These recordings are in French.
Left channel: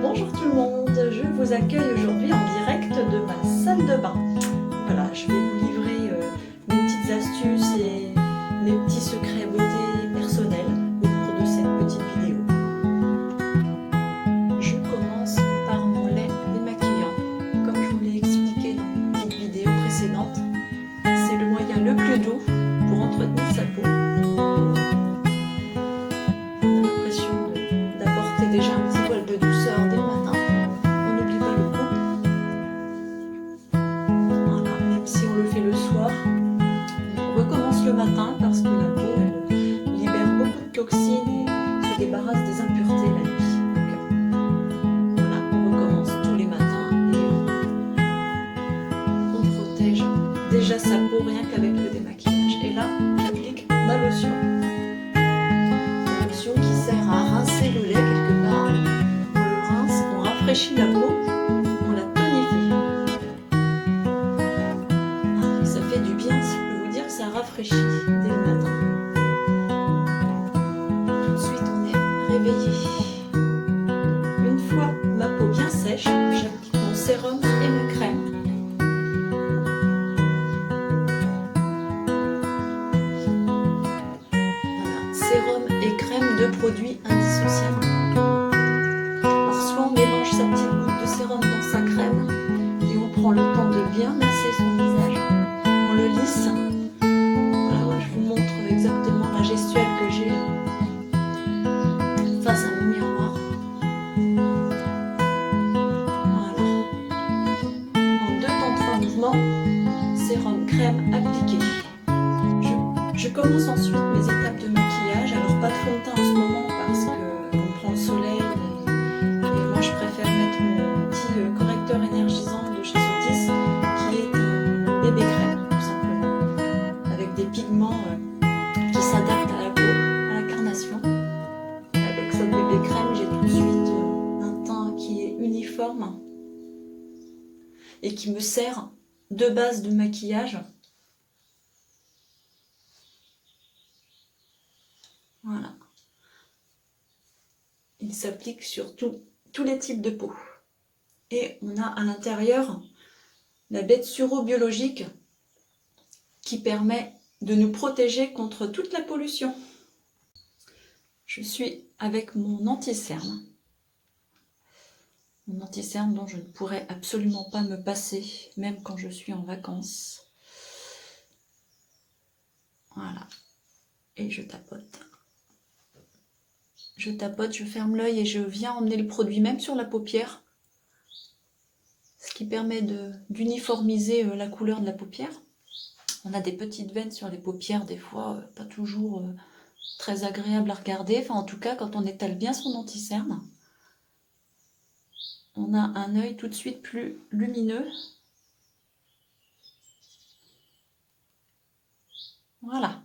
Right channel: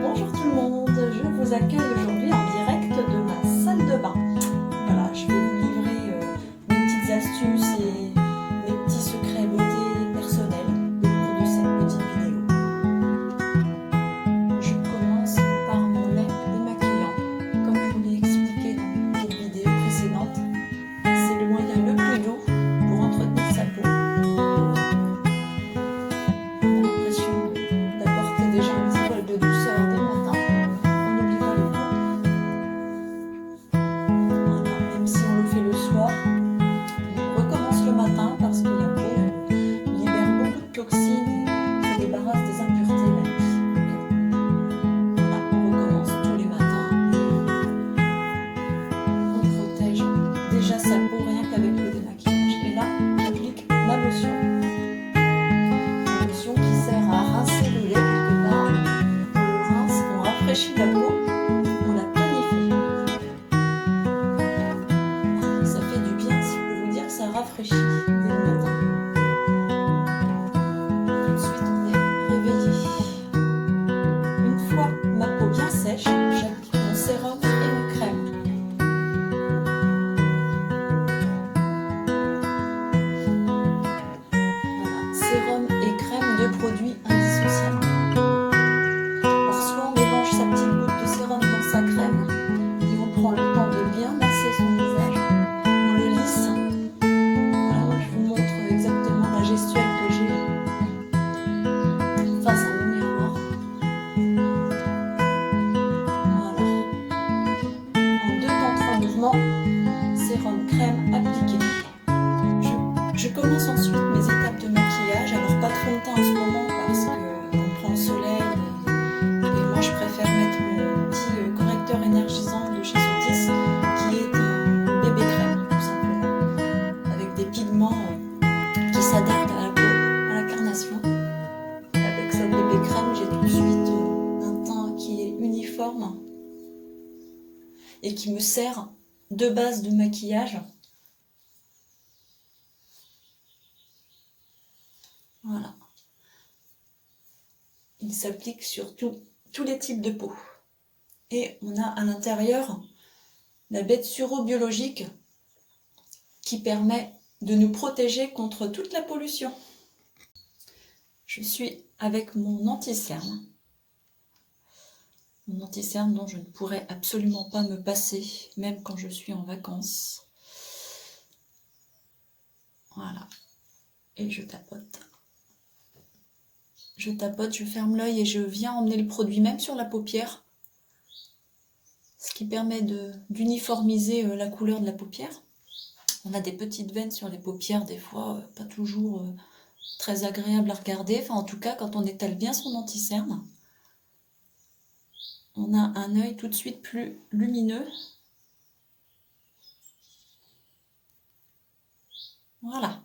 Bonjour tout le monde, je vous accueille aujourd'hui en direct de ma salle de bain. Voilà, je vais vous livrer mes petites astuces et mes petits secrets beauté personnels au cours de cette petite vidéo. Je commence par mon lait démaquillant. Comme je vous l'ai expliqué dans mes petites vidéos précédentes, c'est le moyen le plus doux pour entretenir sa peau. On a l'impression d'apporter déjà un petit voile de douceur dès le matin. On n'oublie pas le coup. Voilà, même si on le fait le soir, on recommence le matin parce que la peau elle libère beaucoup de toxines et se débarrasse des impuretés la nuit. Donc voilà, on recommence tous les matins et on protège déjà sa peau rien qu'avec le démaquillage. Et là, j'applique ma lotion. La lotion qui sert à rincer le lait quelque part. On le rince, on rafraîchit la peau, on la tonifie. Ça fait du bien, je peux vous dire que ça rafraîchit dès le matin. Tout de suite, on est réveillé. Une fois ma peau bien sèche, j'applique mon sérum et ma crème. Voilà, sérum et crème, deux produits indissociables. Alors soit on mélange sa petite goutte de sérum dans sa crème et on prend le temps de bien masser son visage. On le lisse. Voilà, moi je vous montre exactement la gestuelle que j'ai face à mon miroir. Voilà. En 2 temps 3 mouvements, sérum, crème appliqué. Je commence ensuite mes étapes de maquillage. Alors pas de fond de teint en ce moment parce qu'on prend le soleil et moi je préfère mettre mon petit correcteur énergisant de chez Sotis qui est un bébé crème tout simplement avec des pigments qui s'adaptent à la peau, à la carnation. Et avec cette bébé crème, j'ai tout de suite un teint qui est uniforme et qui me sert de base de maquillage. Voilà. Il s'applique sur tous les types de peau. Et on a à l'intérieur la bête suro biologique qui permet de nous protéger contre toute la pollution. Je suis avec mon anti-cerne. Mon anti-cerne dont je ne pourrais absolument pas me passer, même quand je suis en vacances. Voilà. Et je tapote. Je tapote, je ferme l'œil et je viens emmener le produit même sur la paupière. Ce qui permet d'uniformiser la couleur de la paupière. On a des petites veines sur les paupières, des fois pas toujours très agréable à regarder. Enfin, en tout cas, quand on étale bien son anti-cerne, on a un œil tout de suite plus lumineux. Voilà.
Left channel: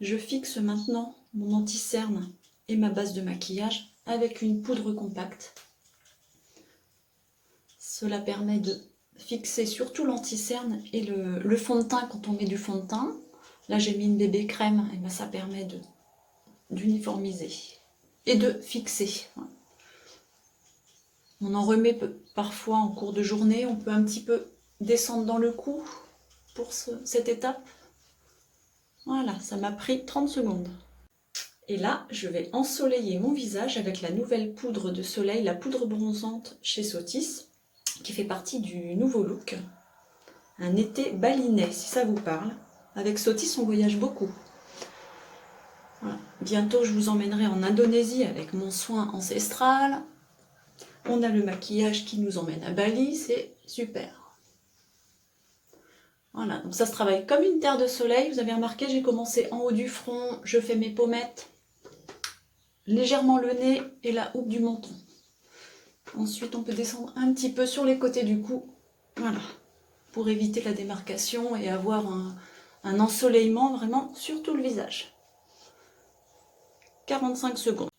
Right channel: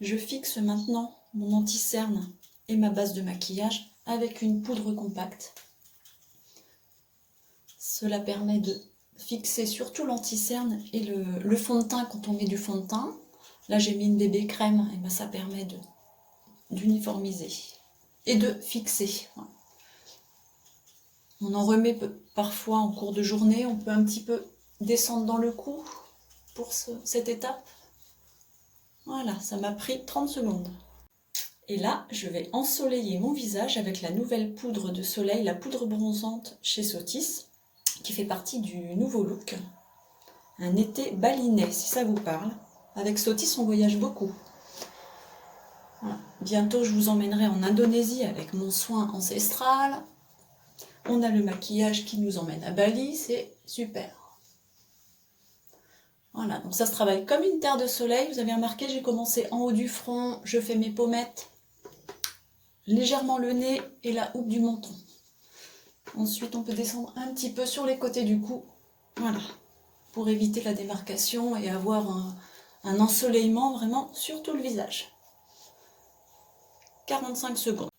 Je fixe maintenant mon anti-cerne et ma base de maquillage avec une poudre compacte. Cela permet de fixer surtout l'anti-cerne et le fond de teint quand on met du fond de teint. Là, j'ai mis une bébé crème et ben, ça permet d'uniformiser et de fixer. On en remet parfois en cours de journée. On peut un petit peu descendre dans le cou pour cette étape. Voilà, ça m'a pris 30 secondes. Et là, je vais ensoleiller mon visage avec la nouvelle poudre de soleil, la poudre bronzante chez Sotis, qui fait partie du nouveau look. Un été balinais, si ça vous parle. Avec Sotis, on voyage beaucoup. Voilà. Bientôt, je vous emmènerai en Indonésie avec mon soin ancestral. On a le maquillage qui nous emmène à Bali, c'est super. Voilà, donc ça se travaille comme une terre de soleil. Vous avez remarqué, j'ai commencé en haut du front, je fais mes pommettes, légèrement le nez et la houppe du menton. Ensuite, on peut descendre un petit peu sur les côtés du cou, voilà, pour éviter la démarcation et avoir un ensoleillement vraiment sur tout le visage. 45 secondes.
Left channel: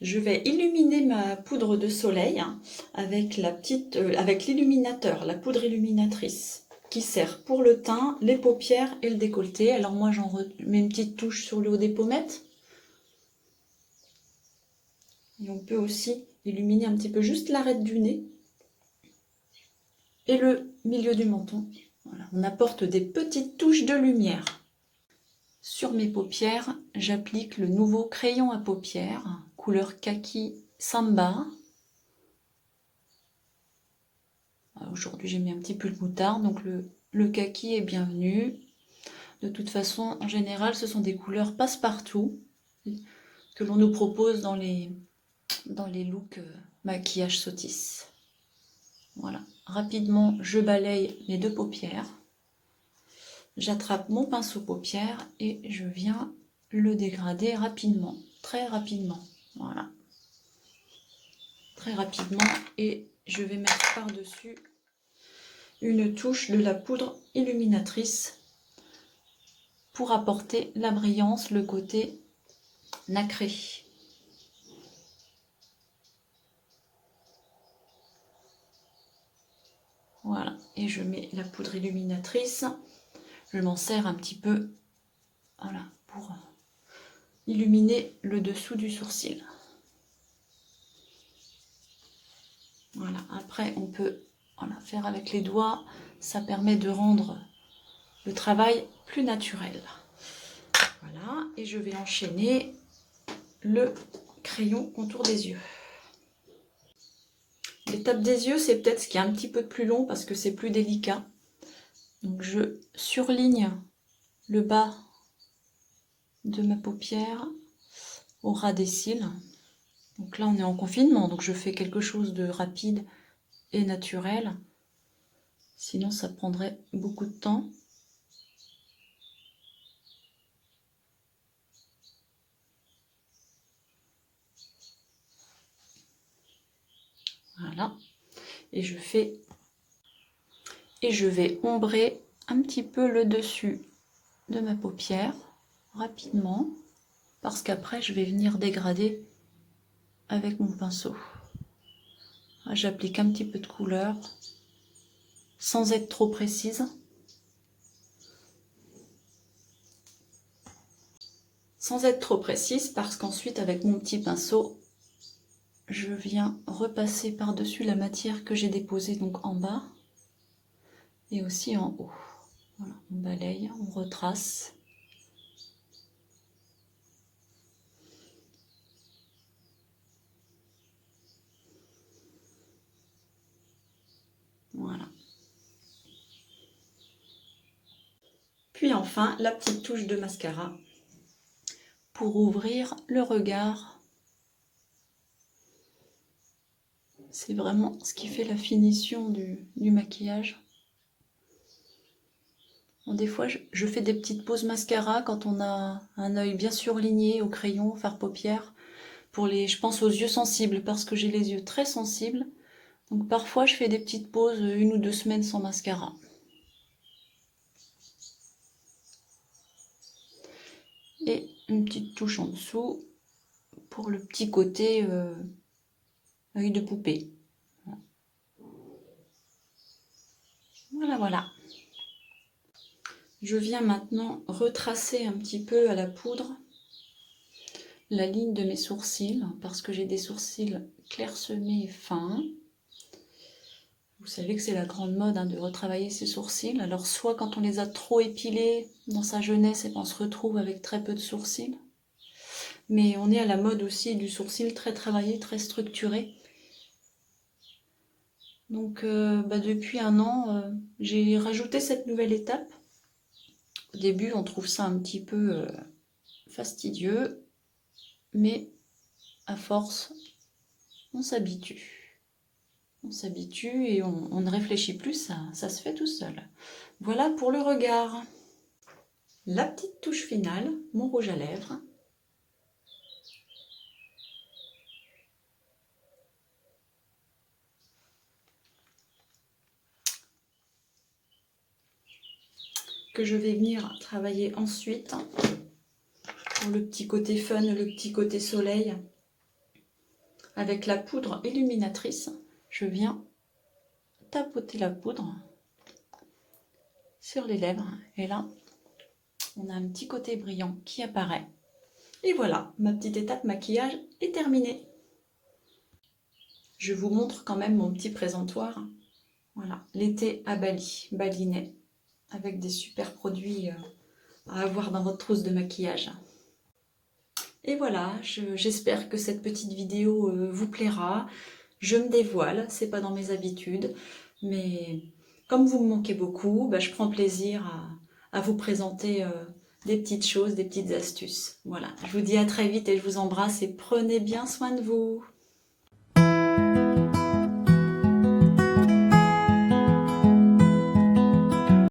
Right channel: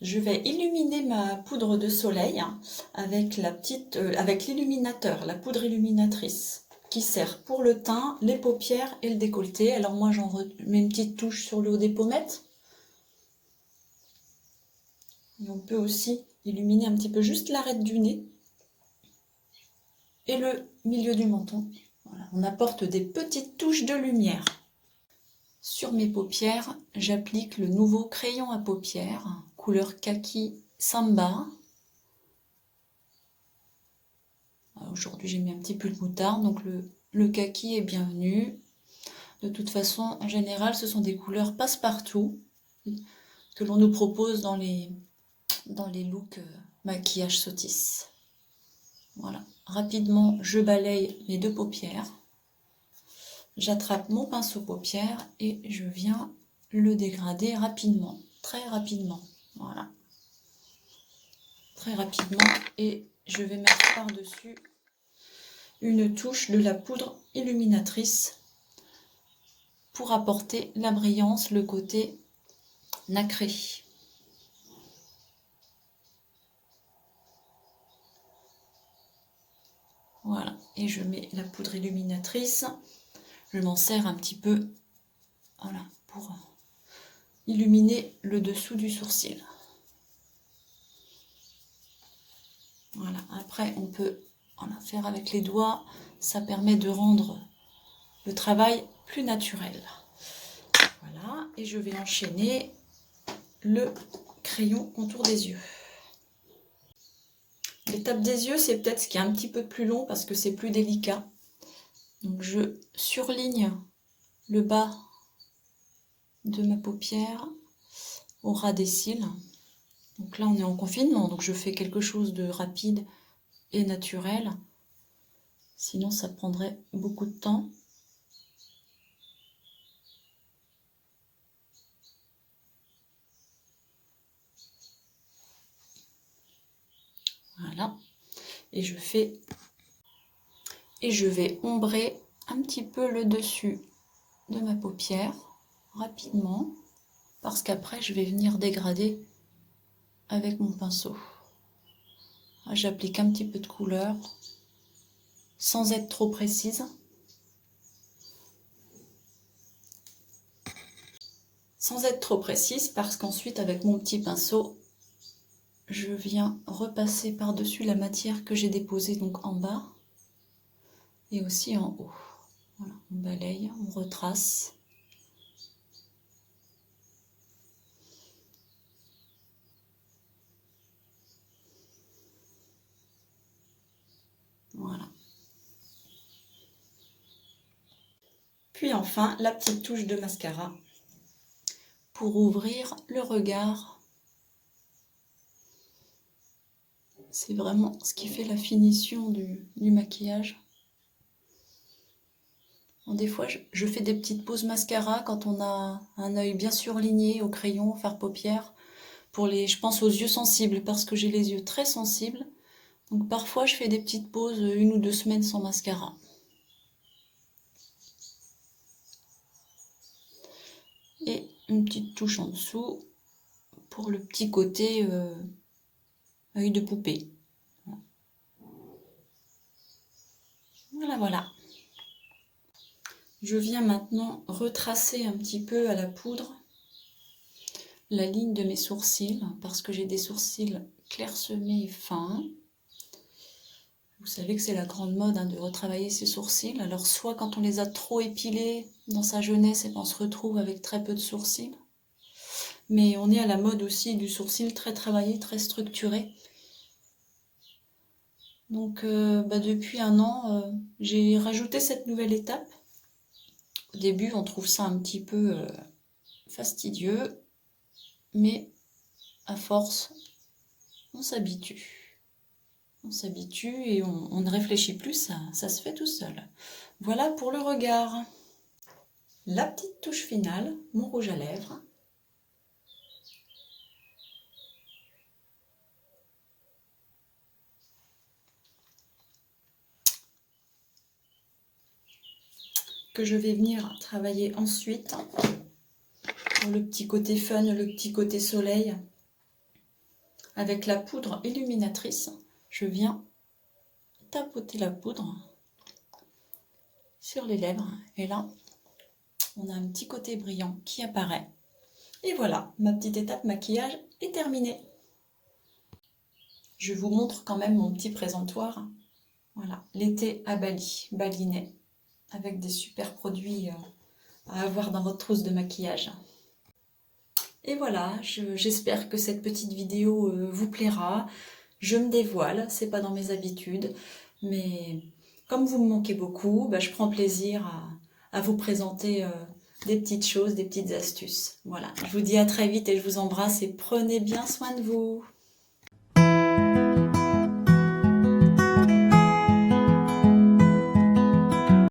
Je vais illuminer ma poudre de soleil avec l'illuminateur, la poudre illuminatrice, qui sert pour le teint, les paupières et le décolleté. Alors moi, j'en mets une petite touche sur le haut des pommettes. Et on peut aussi illuminer un petit peu juste l'arête du nez et le milieu du menton. Voilà, on apporte des petites touches de lumière. Sur mes paupières, j'applique le nouveau crayon à paupières, couleur kaki Samba. Aujourd'hui, j'ai mis un petit peu de moutarde, donc le kaki est bienvenu. De toute façon, en général, ce sont des couleurs passe-partout que l'on nous propose dans les looks maquillage Sotis. Voilà, rapidement, je balaye les deux paupières. J'attrape mon pinceau paupières et je viens le dégrader rapidement, très rapidement. Voilà, très rapidement. Et je vais mettre par-dessus une touche de la poudre illuminatrice pour apporter la brillance, le côté nacré. Voilà, et je mets la poudre illuminatrice. Je m'en sers un petit peu, voilà, pour illuminer le dessous du sourcil. Voilà, après on peut faire avec les doigts, ça permet de rendre le travail plus naturel. Voilà, et je vais enchaîner le crayon contour des yeux. L'étape des yeux, c'est peut-être ce qui est un petit peu plus long parce que c'est plus délicat. Donc je surligne le bas de ma paupière au ras des cils. Donc là, on est en confinement, donc je fais quelque chose de rapide et naturel. Sinon, ça prendrait beaucoup de temps. Voilà. Et je vais ombrer un petit peu le dessus de ma paupière rapidement parce qu'après, je vais venir dégrader avec mon pinceau. J'applique un petit peu de couleur sans être trop précise. Sans être trop précise parce qu'ensuite, avec mon petit pinceau, je viens repasser par-dessus la matière que j'ai déposée donc en bas et aussi en haut. Voilà, on balaye, on retrace. Voilà. Puis enfin, la petite touche de mascara pour ouvrir le regard. C'est vraiment ce qui fait la finition du maquillage. Bon, des fois, je fais des petites pauses mascara quand on a un œil bien surligné au crayon, fard paupières, je pense aux yeux sensibles, parce que j'ai les yeux très sensibles. Donc parfois, je fais des petites pauses 1 ou 2 semaines sans mascara. Et une petite touche en dessous pour le petit côté œil de poupée. Voilà, voilà. Je viens maintenant retracer un petit peu à la poudre la ligne de mes sourcils, parce que j'ai des sourcils clairsemés et fins. Vous savez que c'est la grande mode de retravailler ses sourcils. Alors soit quand on les a trop épilés dans sa jeunesse, et on se retrouve avec très peu de sourcils. Mais on est à la mode aussi du sourcil très travaillé, très structuré. Donc depuis 1 an, j'ai rajouté cette nouvelle étape. Au début, on trouve ça un petit peu fastidieux, mais à force, on s'habitue. On s'habitue et on ne réfléchit plus, ça se fait tout seul. Voilà pour le regard. La petite touche finale, mon rouge à lèvres. Que je vais venir travailler ensuite pour le petit côté fun, le petit côté soleil. Avec la poudre illuminatrice, je viens tapoter la poudre sur les lèvres. Et là, on a un petit côté brillant qui apparaît. Et voilà, ma petite étape maquillage est terminée. je vous montre quand même mon petit présentoir. Voilà, l'été à Bali, balinais, avec des super produits à avoir dans votre trousse de maquillage. Et voilà, j'espère que cette petite vidéo vous plaira. Je me dévoile, c'est pas dans mes habitudes, mais comme vous me manquez beaucoup, bah, je prends plaisir à vous présenter des petites choses, des petites astuces. Voilà, je vous dis à très vite et je vous embrasse et prenez bien soin de vous.